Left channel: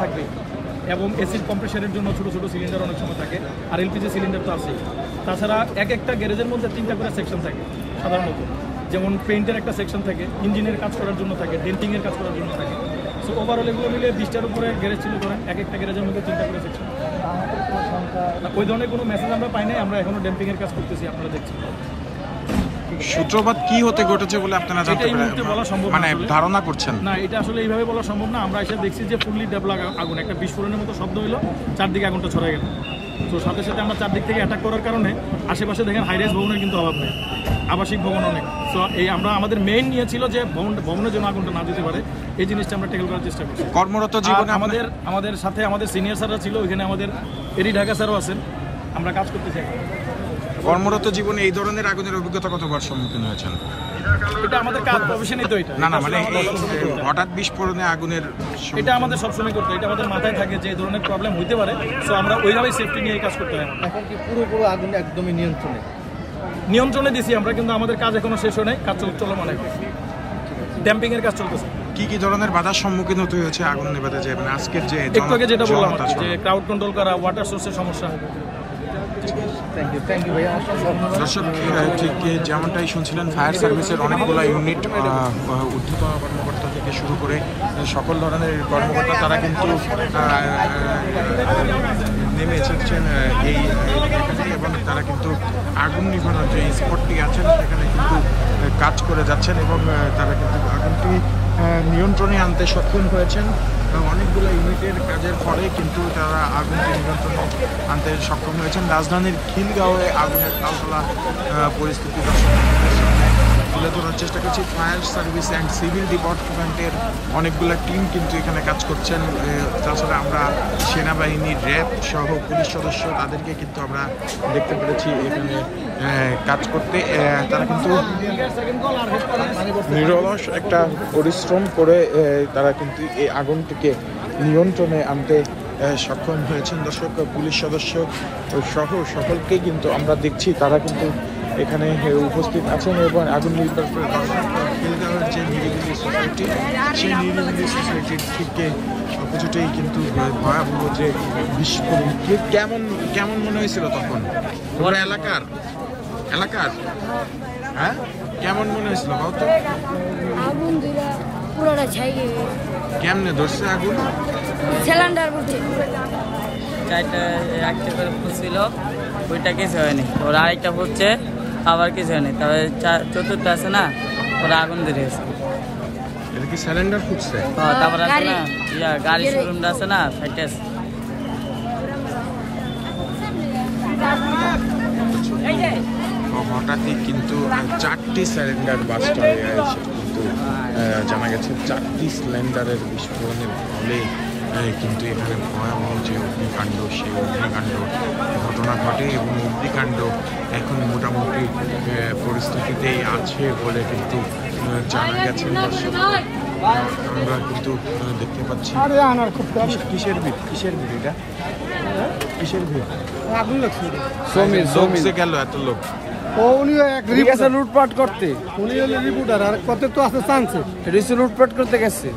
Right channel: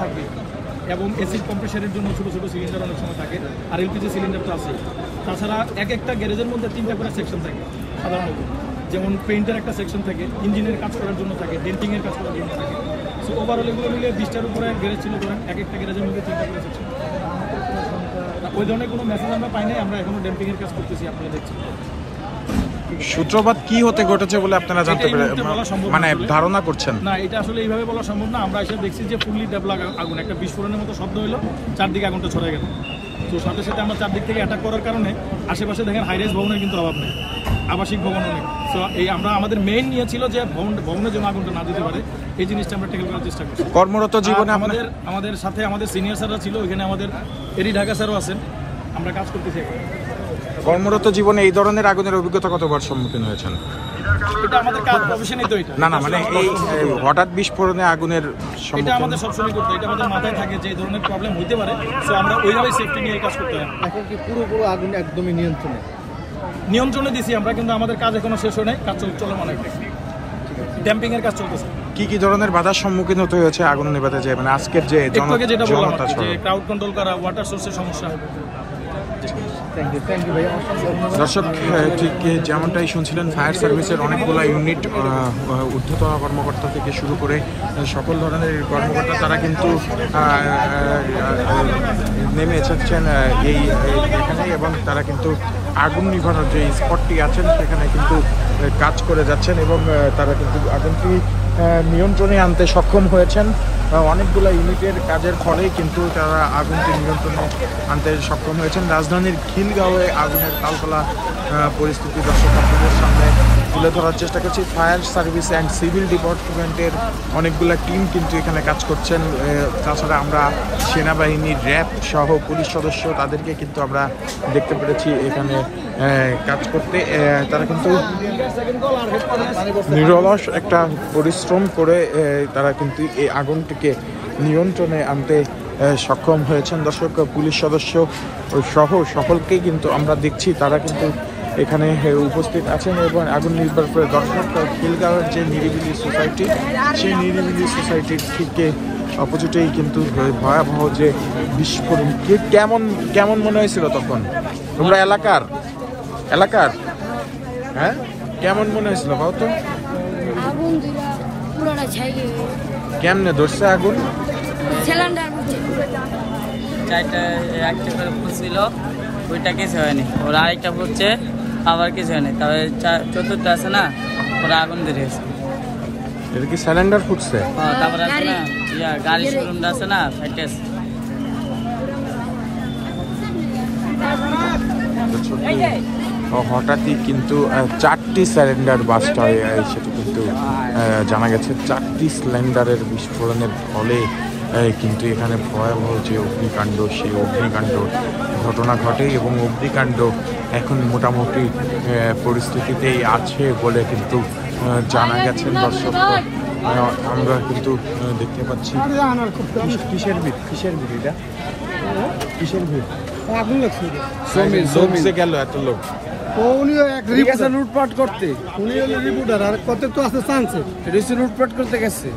থাকবে এবং এসিড কম্প্রেসারের জন্য ছোটো ছোটো সিলিন্ডার অনেক সময় থাকে, আর এলপিজি সিলিন্ডার তো আছে। তাছাড়া এক একটা গ্যারেজের মধ্যে 3টা করে সেকশন থাকে সাধারণত, যেমন পেইন্টের একটা সেকশন থাকে, ইঞ্জিনের কাজ করার জন্য থাকে, ডেন্টিংয়ের কাজ করার জন্য থাকে। সো ওভারঅল এগুলো মিলে 20টার উপরে গ্যারেজ ছিল ধরেন, এক একটা গ্যারেজের মধ্যে 3টা করে সেকশন। ওই ধরনের কোনো মেসেজ আমরা পাই নাই, আমরা এখনো ডেম্পিংয়ের কাজ করতেছি, আপনারা দেখছি। সূত্রপাত কি হতে ঘটেছে বলে আপনারা জানতে মানে ধারণা করছেন? না, এটা আসলে এইভাবে বলা সম্ভব না। আমরা এসে দেখছি যে ফুললি ডেভেলপ আগুন, একটা বিস্ফোরণের মতো শব্দ হলো, চারদিকে আগুনটা ছড়ায় গেল। তো সাথে সাথে আমরা চারদিক থেকে অ্যাটাক করার কারণে আশেপাশে দেখেন হাইরাইজ ভবনের কিন্তু অভাব নেই, আবাসিক ভবন অনেক। তো এই আমরা আমাদের মেইন নিয়ে ছিল যে ভবনের জন্য আগুনটা না যেতে পারে, এই জিনিসটা আমরা ট্যাকেল করার চেষ্টা করছি। কর্মরত জীবনে আমাদের সাথে আমাদের সিনিয়র স্যাররা ছিল, ওইখানে আমাদের এরি ঢাকা স্যারও আছেন, আমরা কাজ করতে থাকি। কর্মরত জীবনে এই ধরনের আগুনের অভিজ্ঞতা কতবার সম্মুখীন হয়েছেন? এটা আমাদের কাজ, প্রফেশনই তো এটা। না মানে এই হঠাৎ বিস্ফোরণে আগুনের এটা আমাদের সবসময় করতে, এটা আমাদের মাথায় থাকে যে এই ধরনের প্রবলেম হইতে পারে, সো আমরা ওইভাবেই সেফটি নিয়ে কাজ করতে হয়। এখন কি পুরো আগুন একদমই নিয়ন্ত্রণে দিছি আমরা, কিন্তু আমাদের কাজ এখনো শেষ হয় নাই, কাজ চলমান আছে, ড্যাম্পিং এর কাজ চলতেছে। কি ধরনের বাধার সম্মুখীন হতে হয়েছে আগুন নেভাতে যায়? মানে আজকের যে যেটা বললাম, ক্রাউড কন্ট্রোল করা, ওয়াটার সোর্সের সমস্যা। দর্শক, ঠিক যেমনটাই শুনছিলেন, ফায়ার সার্ভিসের অনেকগুলো ইউনিট, ঊর্ধ্বতন কর্মকর্তা থেকে শুরু করে সকল ধরনের কর্মকর্তা তারা কিন্তু নেমে এসেছেন এখানে, এবং তারা কিন্তু আগুন নিভানোর যে স্পটটি আছেন সেখানে কিন্তু কাজ করে যাচ্ছেন, এবং তারা কিন্তু আগুনটি নিয়ন্ত্রণে আনতে সক্ষম হয়েছেন। অনেকগুলো ইউনিটের কাজের ফলে কিন্তু তারা আগুনটি নিয়ন্ত্রণে আনতে সক্ষম হয়েছেন। রাজধানীর খিলগাঁওয়ে আগুনের তালতলা পরিস্থিতি দর্শক আপনাদের সামনে তুলে ধরার চেষ্টা করছি। ফায়ার সার্ভিস অ্যান্ড সিভিল ডিপার্টমেন্টের অনেকগুলো টিম কিন্তু এখানে কাজ করছেন। তাছাড়া আমরা সেনাবাহিনী, র্যাব সহ পুলিশ সদস্য তাদেরকে কিন্তু আমরা দেখতে পেরেছি এখানে কাজ করতে। তারা কিন্তু নিরলস একটা পরিশ্রম করে তারা কিন্তু এই আগুনটিকে নিয়ন্ত্রণে আনতে সক্ষম হয়েছেন। দর্শক, পুলিশ সদস্য সহ সকলকেই কিন্তু আমরা দেখছি তারা কিন্তু এখানে উপস্থিত আছেন, এবং আগুন নির্ভর করে দর্শক খিলগাঁওয়ের যে নিরিবিলি সোসাইটি, সেই নিরিবিলি সোসাইটির ঠিক অপোজিটেই কিন্তু ভয়াবহ যে বিস্ফোরণ। কেমন মনে হয়েছিল তখন? তোমরা এলাকার হ্যাঁ, কেমন মনে হয়েছিল বাবু? তো আগুন দিরা পুরোটা ছাইকে কেমনে ধরছে আগুন? সিলিন্ডার একটা করে ফুটছিল, ওইটা কিছু হয়নি। ওরা আরেকটা ফুটছে, আবার কিছু হয়নি। তবে চতুর্থ আছে না, ওরা আগুন ধরেছে। এটা কি সিলিন্ডার ফুটছে? হ্যাঁ, তারপর আছে না গাড়ি শোরুমটা আছে না, সাইডে আছে। হঠাৎই কিন্তু 4টি সিলিন্ডার বাস্ট হয়ে সেটা কিন্তু জানা গেছে। 4টি সিলিন্ডারের বিস্ফোরণের ফলে কিন্তু এখানে ভয়াবহ যে অগ্নিকাণ্ড, সেই অগ্নিকাণ্ড ঘটনা ঘটে, এবং অগ্নিকাণ্ড এখন মোটামুটি পরিস্থিতিতেই আছে বলে কিন্তু জানা গেছে। দর্শক, আমরা কিন্তু দেখতে পাচ্ছি কিসের ভিড় এটা, কিসের ভিড়? আগুন লাগছে, জমছে গেল এত লোক। লুটপাট করতে, আর কত তো আছে চান্সে, লুটপাট করতে গেছে।